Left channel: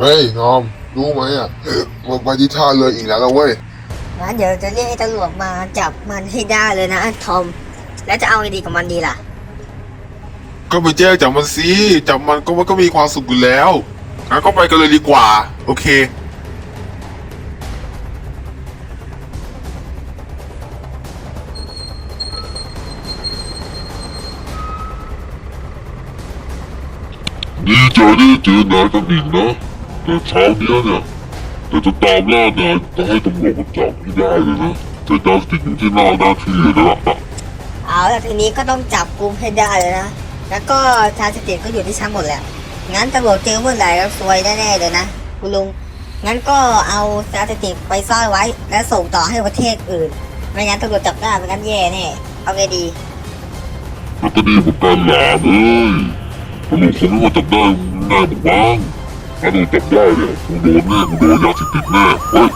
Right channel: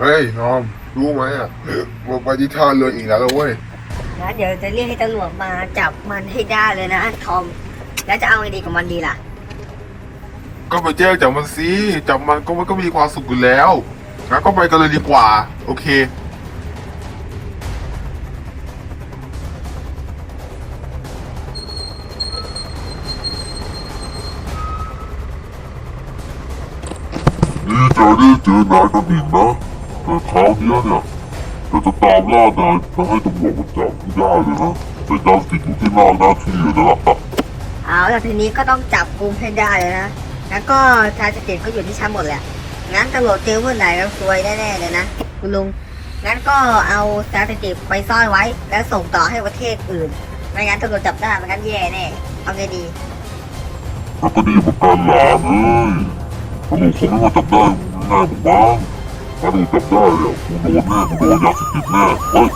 เฮ้ยงอม รู้ไหมอะมึงไปที่ท่าเรืออีกแล้วนะเว้ยงั้นเดี๋ยวจะเรียกให้ตำรวจมาจับมันให้ได้เลยนะทอม แล้วจะเอาไงดีกับมันดีล่ะ ก็ไปแจ้งจับมันสิจับมันก็มันก็มีความสุขอยู่แล้วงั้นก็ไปกันเลยดีกว่า โอเค ดีใจที่เจอนายกันอีกนะ แต่เช้าเนี้ยเนี่ยจะจะตามล่านายจะให้ตำรวจมาจับไม่ได้เลยนะแต่ดาวติดอยู่ที่หน้าหน้าที่แล้วล่ะเอาละทีนี้ก็ต้องจับกูให้ได้เลยนะ แล้วก็ชาสติดก็อยู่ที่ชั้นหมดแหละ งั้นตำรวจเจอเมื่อไหร่แล้วซวยแน่ๆเลยนะคุณลุง งั้นก็เอาชาสติดไปซ่อนไว้ แล้วส่งต่อให้ประเทศอื่น ไม่งั้นตำรวจจับได้ไม่งั้นแย่แน่ เอาไงดีแล้วก็ดีเหมือนกันหลานเอ้ยตำรวจคงไม่มาจับได้แน่ผมบ้าง ถ้าโดนจับได้เนี่ยผมโดนแน่ผมโดนยาเสพติดแน่เฮ้ย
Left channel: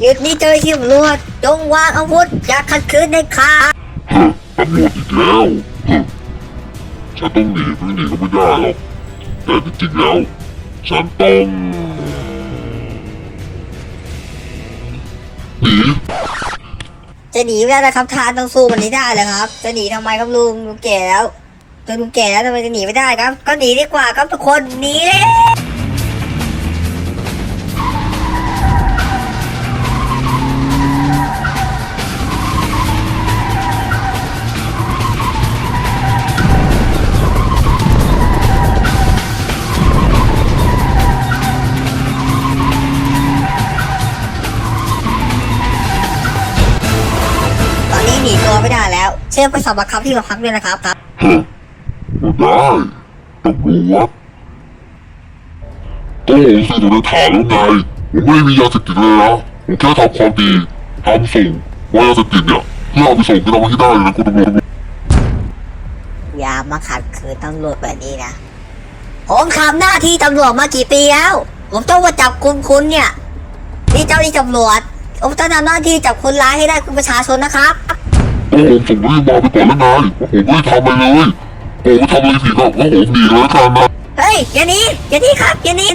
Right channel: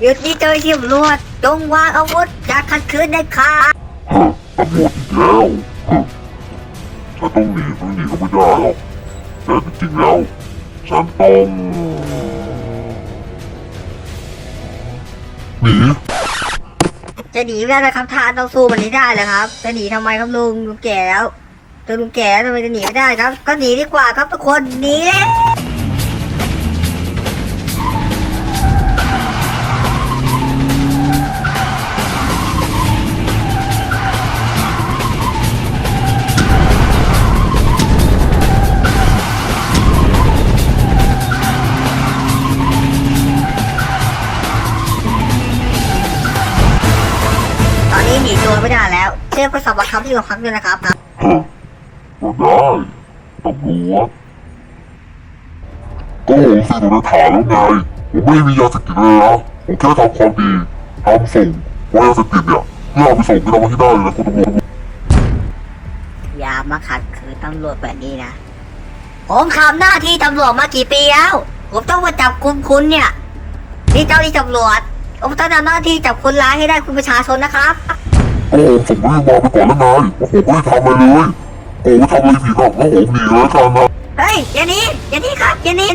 หยุดนี่เจอที่ตำรวจจงวางอาวุธอย่าขัดขืนเด็ดขาดเฮ้ยตำรวจอีกแล้วฮะฉันต้องหนีไม่หนีก็ไม่ได้หรอกแต่จริงๆแล้วฉันต้องหนีจะหนีไม่ได้นะครับทานต้องสู้มันนี้ได้แหละครับ จะหนีทำไมครับลุงลุงแก่แล้ว จนลุงแก่ทำไมจะหนีไม่ได้ครับ ก็หนีดีกว่าครับทุกคนหนีเลยตอนนี้หนีตัวไม่ได้แล้ว เชื่อไปสอบปากคำที่โรงพักด้วยนะครับครับ ไม่ได้ตำรวจต้องรู้สิดูในฐานแล้วไงผมไม่มียาเสพติดเลยนะผมแค่ทำความดีทำส่งว่ายาเสพติดเนี่ยถ้าเอาไปส่งก็ทำให้ได้เลยนะคุณตำรวจอย่ามาขัดขืนตำรวจแบบนี้นะ ผมทำหน้าที่ตำรวจมากี่ปีแล้ว ผมต้องมาจับกุมคุณเนี่ยนี่เจ้าที่ตำรวจ ผมต้องทำหน้าที่จับคนร้ายให้ได้คุณประชาชนนะครับ โอ้โหส่งเรื่องมาไปก่อนแล้วนายโอ้โหไม่ได้ทำอะไรเลย โอ้โหทำอะไรผิดอะโอ้โหหนีแล้วกันนะเฮ้ยอย่าหนี้อย่าหนี้ครับอย่าหนี้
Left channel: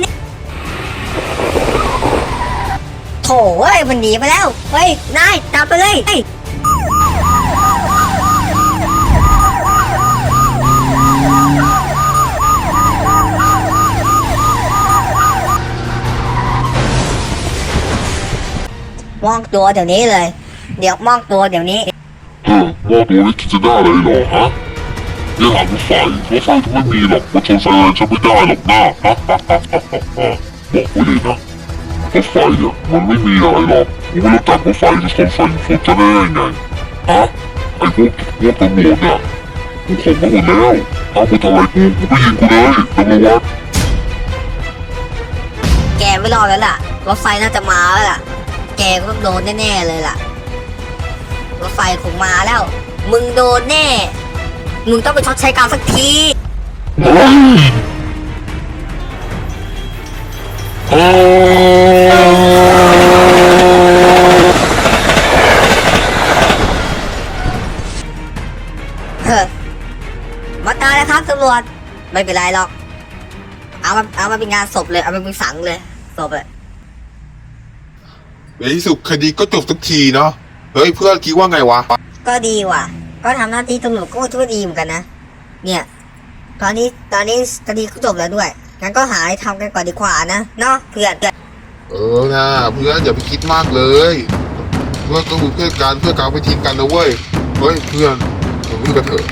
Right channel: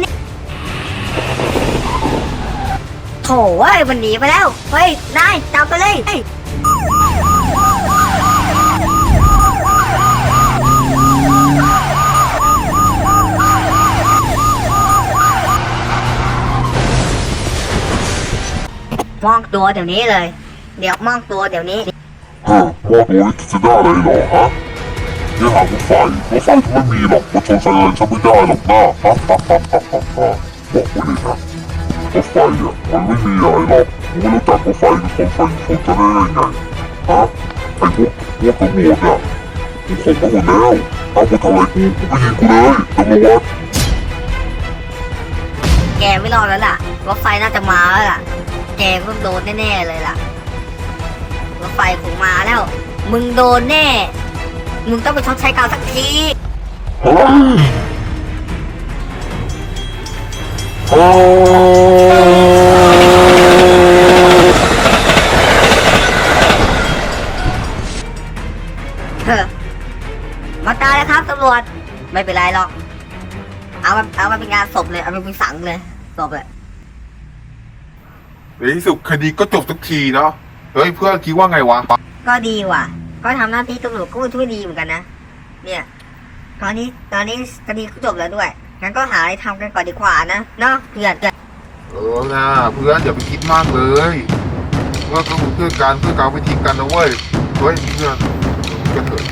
โถ่เว้ยมันหนีไปแล้วเฮ้ยนายจับไปเลยเฮ้ยมองตัวเดี๋ยวนี้เลย เดี๋ยวมองตัวเดี๋ยวนี้เฮ้ยว่าโดนคิดจะได้อะไรหรอฮะ นี่าหารถไฟรถไฟก็ไม่มีหรอกรถชนไฟอะไรฉันไม่ได้หรอกนะฮะฮะฮะฮะฮะฮะบอกไว้ดีนะรถไฟเนี่ยมันไม่มีอะไรหรอกผมไม่รู้จักรถไฟจะชนไฟชนจะได้ยังไงฮะไอ้พวกพวกตำรวจเนี่ยผมมาหมดแล้วเอาไปทำไมกูกูไปยิงกูเลยตำรวจแกไม่รอดแล้วล่ะรถไฟน่าจะมาแล้วล่ะแกก็โดนแน่ๆเลยล่ะรถไฟคงมาแล้ว มึงโดนแน่ มึงต้องไปชดใช้กรรมสักทีเฮ้ยโอ้เฮ้อมาตายแล้วครับตำรวจไม่เป็นไรหรอก เอามาเอามาเป็นงานศพเลย เอามาเป็นสังเลยศพเลยในที่สุดคดีก็จบสักทีเนาะเฮ้ยเพื่อนคิดว่าไงวะ ก็ดีว่ะ ก็ทำหน้าที่ตำรวจก็ช่วยดีเหมือนกันนะ เนี่ย ตอนนี้ตอนนี้คดีก็จบแล้วด้วยงั้นก็หาอะไรทำกันก่อนดีกว่านะเนาะเพื่อนเออนะเพื่อนอย่าไปคิดมากเลยเพื่อนต้องเป็นเพื่อนกันเพื่อนการไปทีมกันนะเว้ยเฮ้ยเพื่อนเดี๋ยวพี่กันเถอะ